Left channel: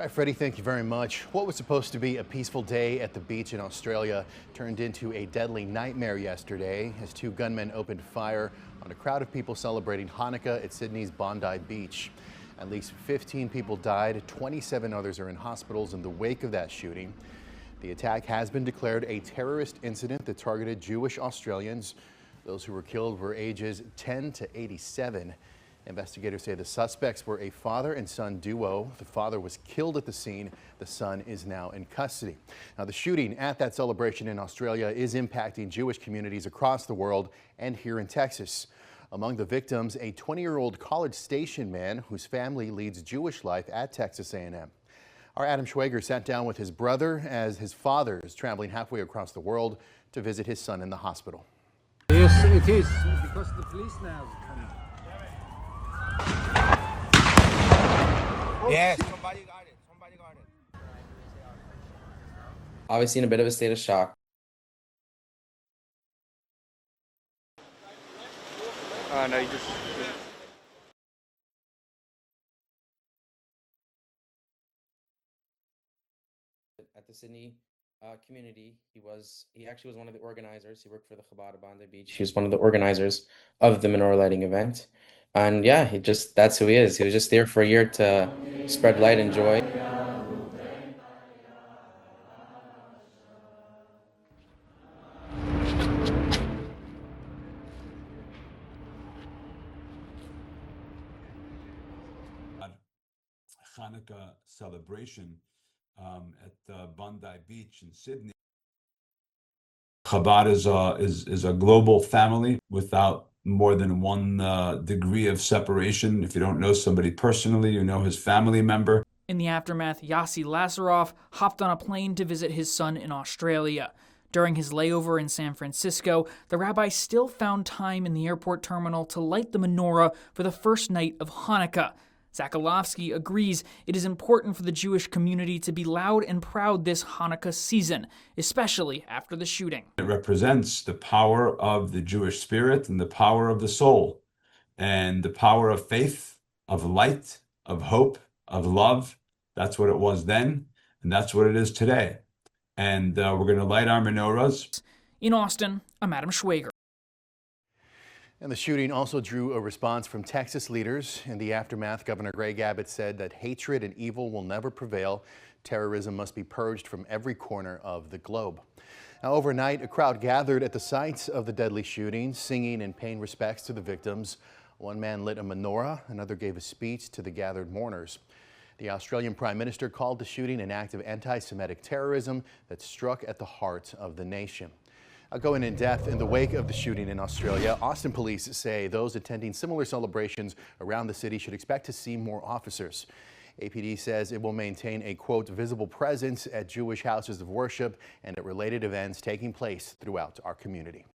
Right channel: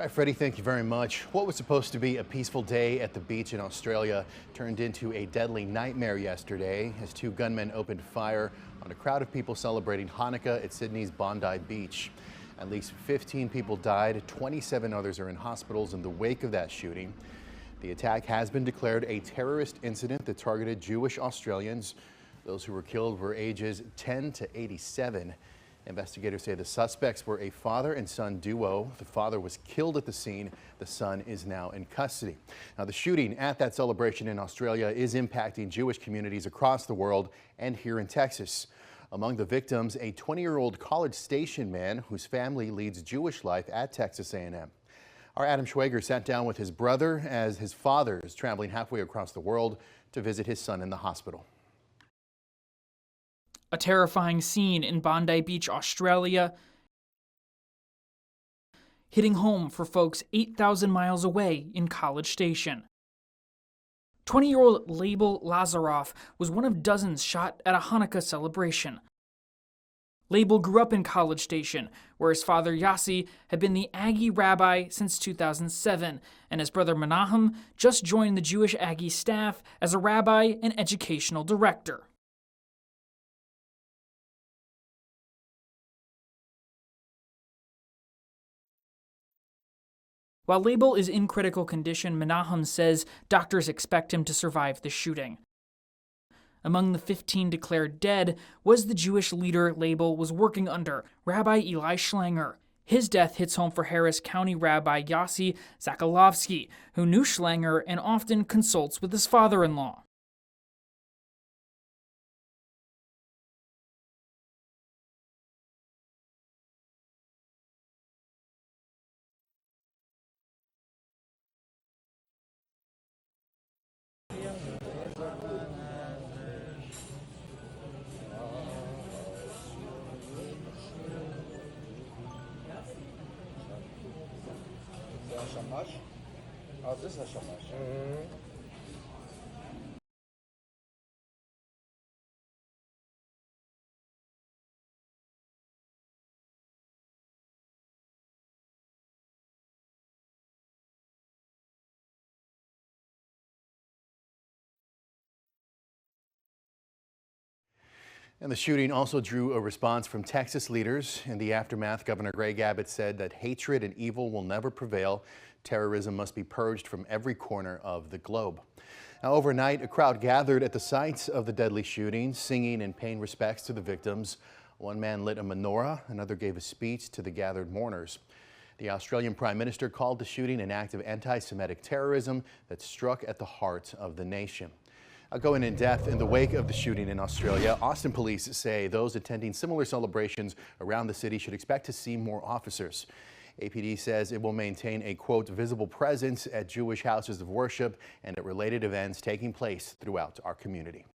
All right, Freddie, thank you very much. What was supposed to be a peaceful day at the beach in Australia turned into a deadly nightmare yesterday as two gunmen opened fire on a crowd of people celebrating Hanukkah at Sydney's Bondi Beach. At least 15 people died, 27 others are in hospitals in the wake of that shooting. The attack has been declared a terrorist incident that targeted Jewish Australians. Those who were killed were ages 10 to 87. Investigators say the suspects were a father and son duo. The father was killed at the scene. The son is now in custody. Now, the shooting at that celebration in Australia is impacting Jewish communities across the world and here in Texas. Among the victims, a 20-year-old College Station man whose family leads Jewish life at Texas A&M. Our Adam Schwager sat down with his brother as his father is traveling halfway across the world to visit his son in the hospital. Yes, it is. A terrifying scene in Bondi Beach, Australia. Yes. Hitting home for folks 8,000 miles away in College Station. Obviously in a bit of a state of shock. 20-year-old Leibel Lazaroff was one of dozens shot at a Hanukkah celebration. Leibel grew up in College Station, where his father Yossi had been the Aggie rabbi since 2007, and his brother Menahem just joined the Jewish Aggie staff as a rabbi and educational director. He was one of the organizers of the menorah lighting event. And yeah, that's who he is. He was just there for a year to spread light and joy. While Leibel is in critical condition, Menahem says doctors expect him to survive the shooting. Among the 15 declared dead was the Jewish leader Leibel was working under, Rabbi Eli Schlanger. His death hits home for Harris County Rabbi Yossi Zakalovsky, who knew Schlanger and often consults with his father-in-law. Chabad is a global family without more than one degree of separation. If you don't know somebody personally, you know his family member. In the aftermath, Yossi Lazaroff hopped on a plane to visit his son in Australia. During his layover in San Francisco, the rabbi still found time in the airport terminal to light the menorah for the first night of Hanukkah. Zakalovsky agrees it is important for the Jewish community to be loud and proud this Hanukkah season, especially after the shooting. It represents the power of the Jewish spirit and the power of the soul and the power of faith, of light, of hope, of love. That's what it was then, and that's what it is today. And we're going to light our menorahs. In Austin, I'm Adam Schwager. And the shooting also drew a response from Texas leaders. In the aftermath, Governor Greg Abbott said that hatred and evil will never prevail. Terrorism must be purged from every corner of the globe. Now, overnight, a crowd gathered at the sites of the deadly shooting, singing and paying respects to the victims. One man lit a menorah, another gave a speech to the gathered mourners. The Australian Prime Minister called the shooting an act of anti-Semitic terrorism that struck at the heart of the nation. Going in depth in the wake of the shooting in Australia, Austin police say those attending similar celebrations around the city should expect to see more officers. APD says it will maintain a, quote, visible presence at Jewish houses of worship and at related events taking place throughout our community.